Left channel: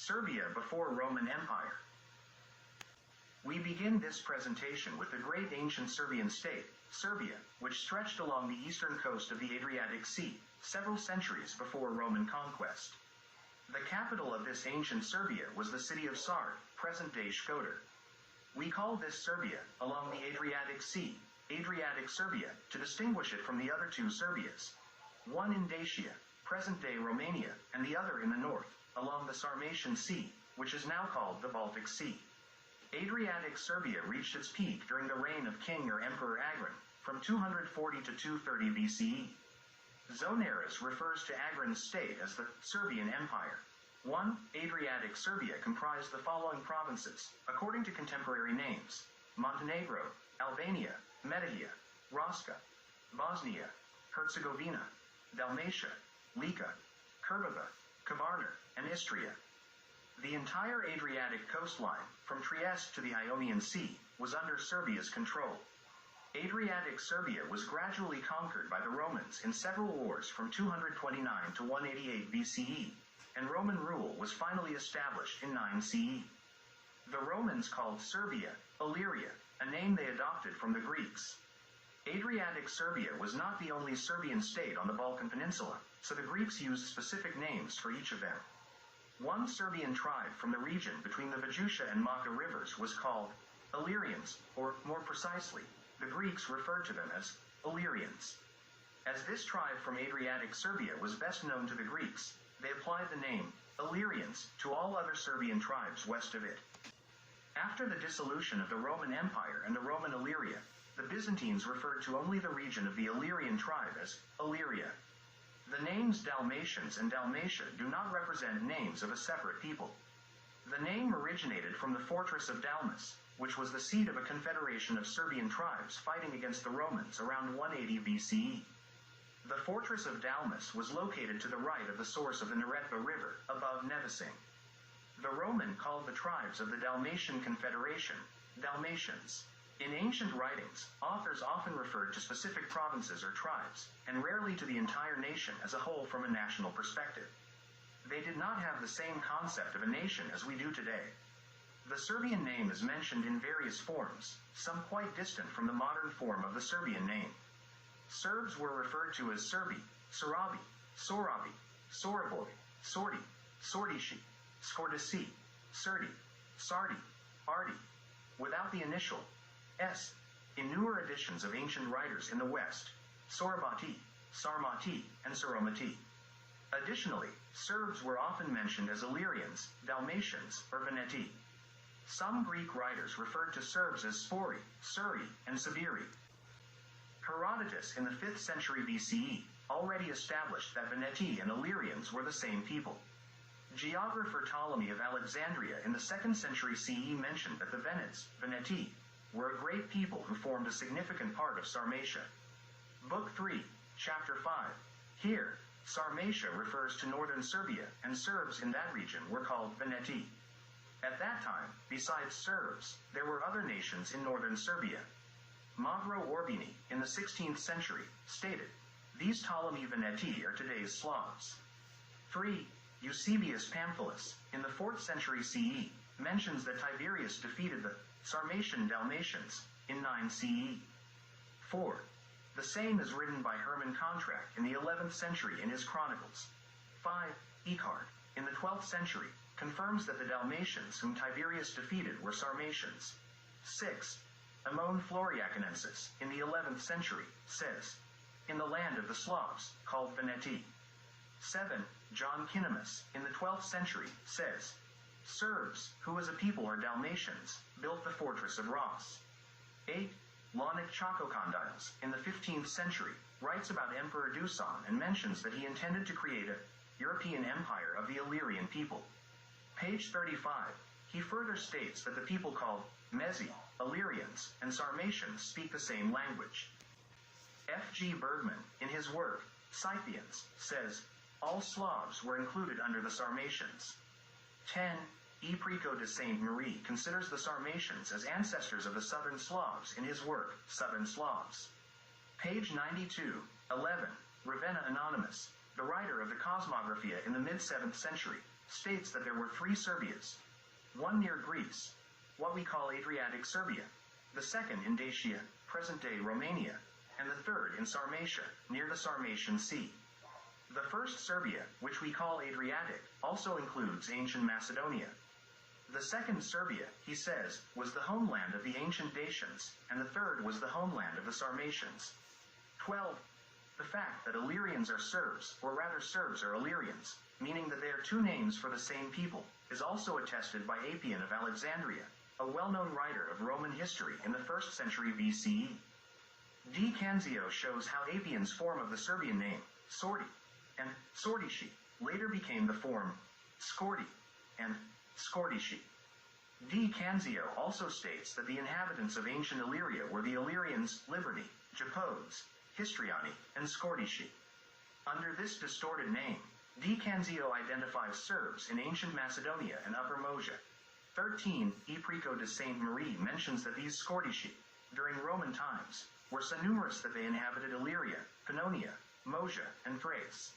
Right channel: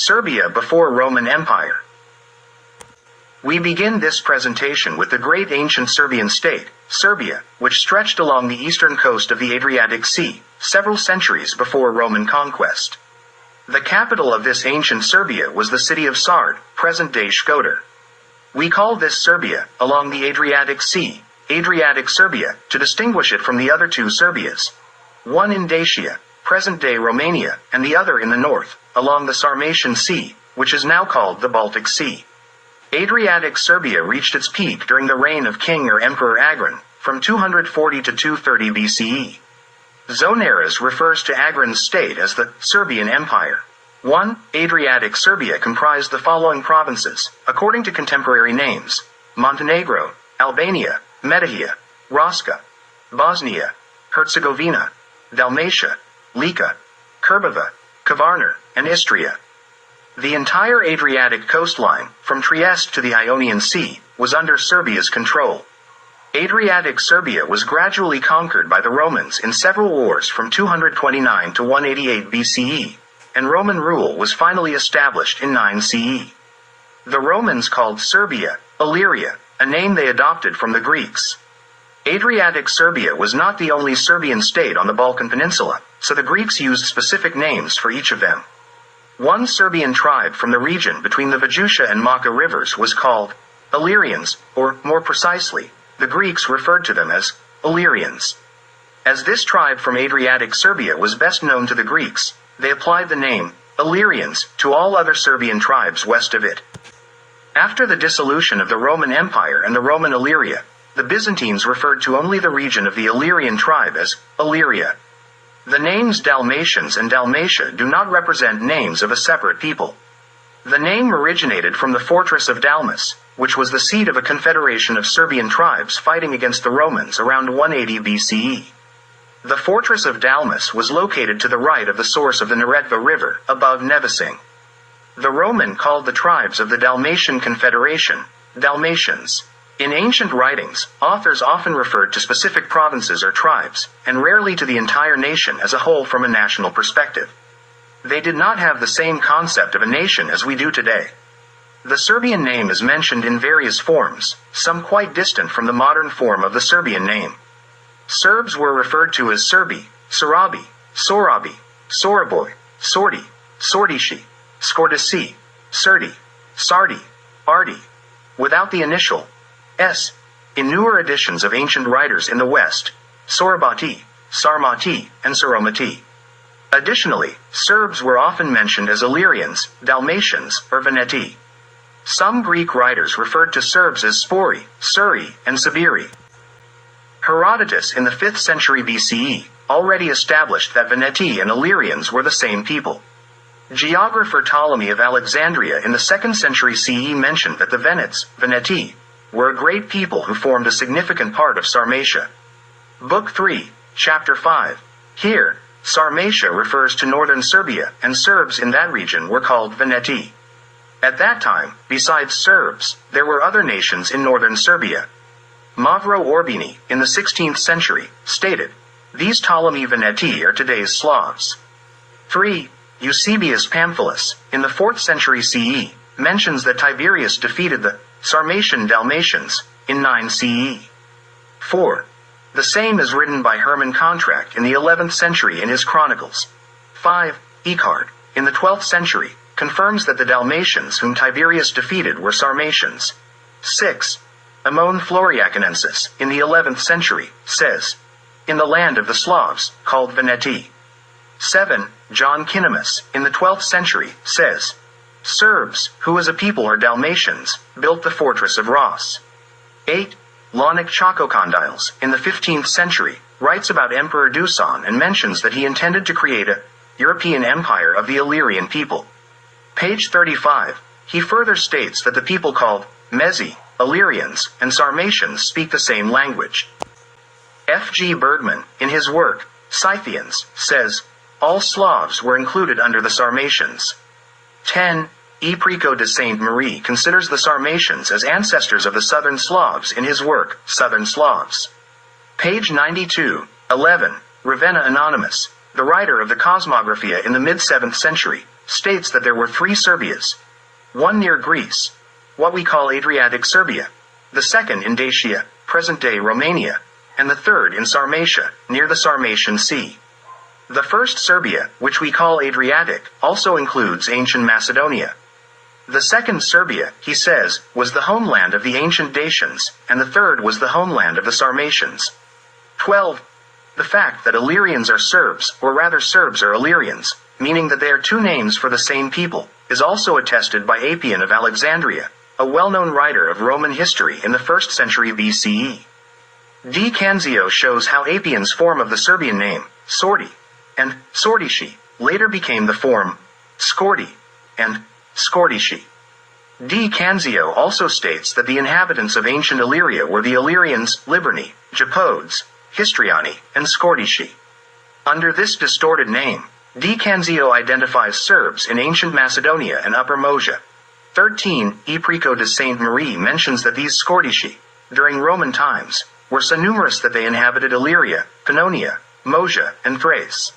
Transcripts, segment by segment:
Serbia before Roman Empire. We begin this presentation with the great ancient Serbian state, Serbia, which stretched along the eastern coast of the Adriatic Sea, several centuries before Roman conquest. The capital of this ancient Serbia was the city of Sard, present-day Shkodër. We call this Serbia, along the Adriatic Sea, Adriatic Serbia, to distinguish it from the other two Serbias. One in Dacia, present-day Romania, and the other in the north, along the Sarmatian Sea, which is now called the Baltic Sea. Adriatic Serbia reached its peak during the reign of King or Emperor Agran, from 240 to 230 BCE. Zonaras refers to Agran's state as the Serbian Empire. 1. Adriatic Serbia comprised the following provinces, according to contemporary names: Montenegro, Albania, Metohija, Raška, Bosnia, Herzegovina, Dalmatia, Lika, Krbava, Kvarner, and Istria. The entire Adriatic coastline, from Trieste to the Ionian Sea, was under Serbia's control. Adriatic Serbia was gradually conquered by the Romans in several wars from 229 to 188 BCE, and Roman rule was finally established in 9 CE. The Romans called Serbia, Illyria, a name they adopted from the Greeks. Adriatic Serbia was not the only Serbian state on the Balkan Peninsula, so the Greeks used specific names for each of them. One Serbian tribe from the region between the Vajusha and Maka rivers was called Illyrians, or, more precisely, the Greeks referred to them as Illyrians. As this tribe from Adriatic Serbia was best known to the Greeks, they applied the name Illyrians to all other Serbian tribes west of it. After the dissolution of the Roman Empire and the Roman Illyria, the Byzantines referred to only the region of the Illyrian tribe as Illyria. The names Dalmatians and Dalmatia do not represent names of a separate people. The name originated from the fortress of Dalmas, which was the seat of a confederation of Serbian tribes fighting against the Romans around 180 BCE. The fortress of Dalmas was located to the right of the source of the Neretva River, above Nevesinj. The Roman called the tribes of the Dalmatian Confederation Dalmatians. In ancient writings, authors often referred to specific provinces or tribes, and rarely to the entire nation as a whole from a national perspective. They did not have the same concept of a nation as we do today. The Serbian name is mentioned in various forms, some quite distant from the modern form of the Serbian name. Serbs were referred to as Serbi, Sorabi, Sorabi, Soraboj, Sordi, Sordishi, Skordasi, Serdi, Sardi, Ardi, without the initial S. In newer editions of ancient writers in the West, Sorabati, Sarmati, and Saromati. Additionally, Serbs were often mentioned as Illyrians, Dalmatians, or Veneti. Some Greek writers referred to Serbs as Spori, Suri, and Sabiri. Herodotus in the 5th century BCE already established that Veneti and Illyrians were the same people. Geographer Ptolemy of Alexandria in the 2nd century CE mentioned that the Venets, Veneti, were a great people who formed a significant part of Sarmatia. Book 3, Chapter 5. Here, Sarmatia refers to northern Serbia, and Serbs in that region were called Veneti. At that time, besides Serbs, there were other nations in northern Serbia. Mavro Orbini, in the 16th century, stated, "These Ptolemy Veneti are today's Slavs." 3. Eusebius Pamphilus, in the 4th century CE, mentions that Tiberius defeated the Sarmatian Dalmatians in 9 CE. 4. The same is written by Hermann Contract in the 11th century in his Chronicles. 5. Echard, in the 12th century, confirms that the Dalmatians whom Tiberius defeated were Sarmatians. 6. Amon Floriacanensis, in the 11th century, says, "In the land of the Slavs, called Veneti." 7. John Kinemus, in the 12th century, says, "Serbs, who as a people are Dalmatians, built the fortress of Ras." 8. Launik Chakokondyles, in the 15th century, writes about Emperor Dusan and mentions that he intended to create a European empire of the Illyrian people. Page 35, he further states that the people called Mezi, Illyrians, and Sarmatians speak the same language. F. G. Bergman, in his work, Scythians, says, all Slavs were included under the Sarmatians. 10. E. Prico de Sainte-Marie considers the Sarmatians as ancestors of the Southern Slavs in his work, Southern Slavs. Page 92. 11. Ravenna Anonymous, the writer of the Cosmographia in the mid-7th century, states that there were 3 Serbias. One near Greece, what we call Adriatic Serbia, the second in Dacia, present-day Romania, and the third in Sarmatia, near the Sarmatian Sea. The first Serbia, which we call Adriatic, also includes ancient Macedonia. The second Serbia, he says, was the homeland of the ancient Dacians, and the third was the homeland of the Sarmatians. 12. The fact that Illyrians are Serbs, or rather Serbs are Illyrians, meaning that they are 2 names for the same people, is also attested by Appian of Alexandria, a well-known writer of Roman history in the 1st century BCE. D. Canzio shows how Appian's form of the Serbian name, Sordi, and Sordishi, later became the form Skordi, and Skordishi. D. Canzio also states that the inhabitants of ancient Illyria were the Illyrians, Liburni, Japodes, Histrioni, and Skordishi. Under this distorted name, D. Canzio identifies Serbs in ancient Macedonia and Upper Moesia. 13. E. Prico de Sainte Marie mentions that these Skordishi, during Roman times, were so numerous that they inhabited Illyria, Pannonia, Moesia, and Thrace.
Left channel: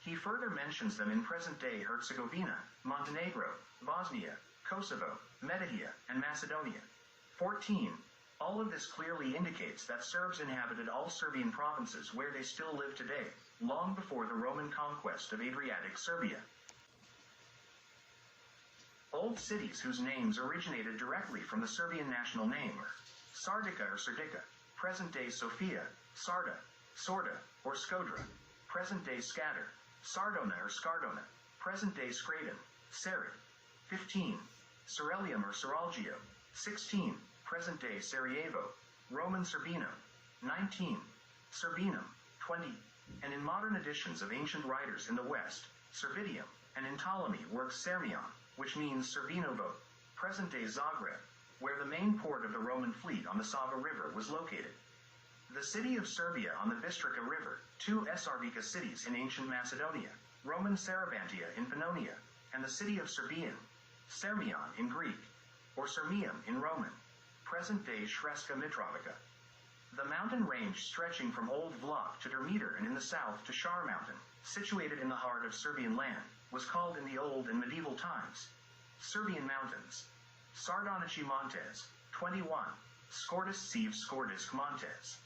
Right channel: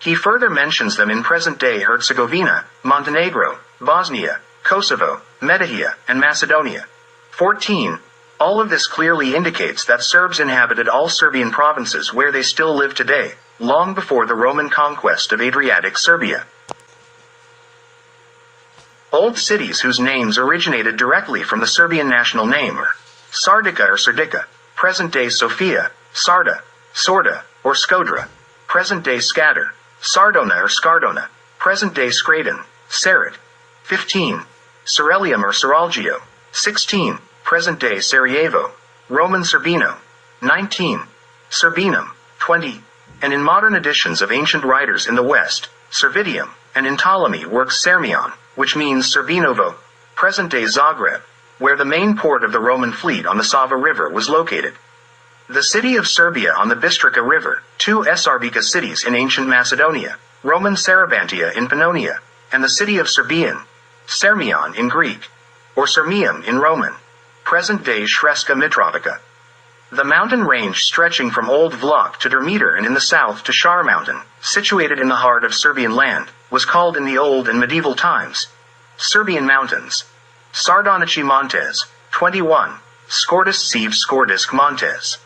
He further mentions them in present-day Herzegovina, Montenegro, Bosnia, Kosovo, Metohija, and Macedonia. 14. All of this clearly indicates that Serbs inhabited all Serbian provinces where they still live today, long before the Roman conquest of Adriatic Serbia. Old cities whose names originated directly from the Serbian national name are Sardica or Serdica, present-day Sofia, Sarda, Sorda, or Skodra, present-day Skader, Sardona or Skardona, present-day Skradin, Serid. 15. Cerelium or Seralgio. 16. Present-day Sarajevo, Roman Serbino. 19. Serbinum. 20. And in modern editions of ancient writers in the West, Servidium, and in Ptolemy works Sermion, which means Serbinovo, present-day Zagreb, where the main port of the Roman fleet on the Sava River was located. The city of Serbia on the Bistrica River, 2 Sarbica cities in ancient Macedonia, Roman Sarabantia in Pannonia, and the city of Serbian, Sermion in Greek, or Sirmium in Roman, present-day Sremska Mitrovica. The mountain range stretching from Old Vlok to Dermeter and in the south to Shar Mountain, situated in the heart of Serbian land, was called in the Old and Medieval times Serbian Mountains. Sardonici Montes. 21. Skordis Siv Skordisk Montes.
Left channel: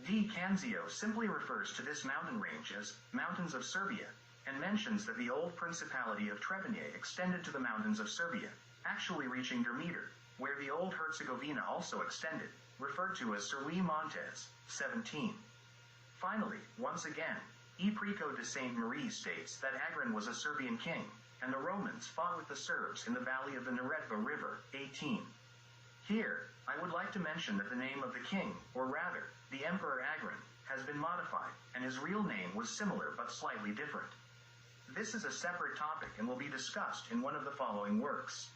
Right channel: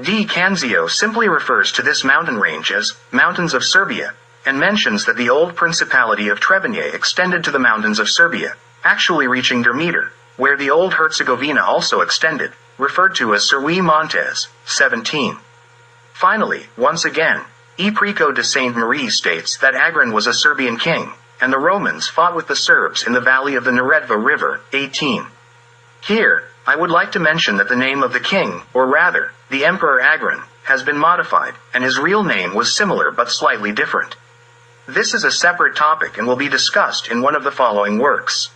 D. Canzio simply refers to this mountain range as Mountains of Serbia, and mentions that the old Principality of Trebinje extended to the mountains of Serbia, actually reaching Dermeter, where the old Herzegovina also extended, referred to as Serwi Montes. 17. Finally, once again, E. Prico de Sainte Marie states that Agran was a Serbian king, and the Romans fought with the Serbs in the valley of the Neretva River. 18. Here, I would like to mention that the name of the king, or rather, the Emperor Agran, has been modified, and his real name was similar but slightly different. This is a separate topic and will be discussed in one of the following works.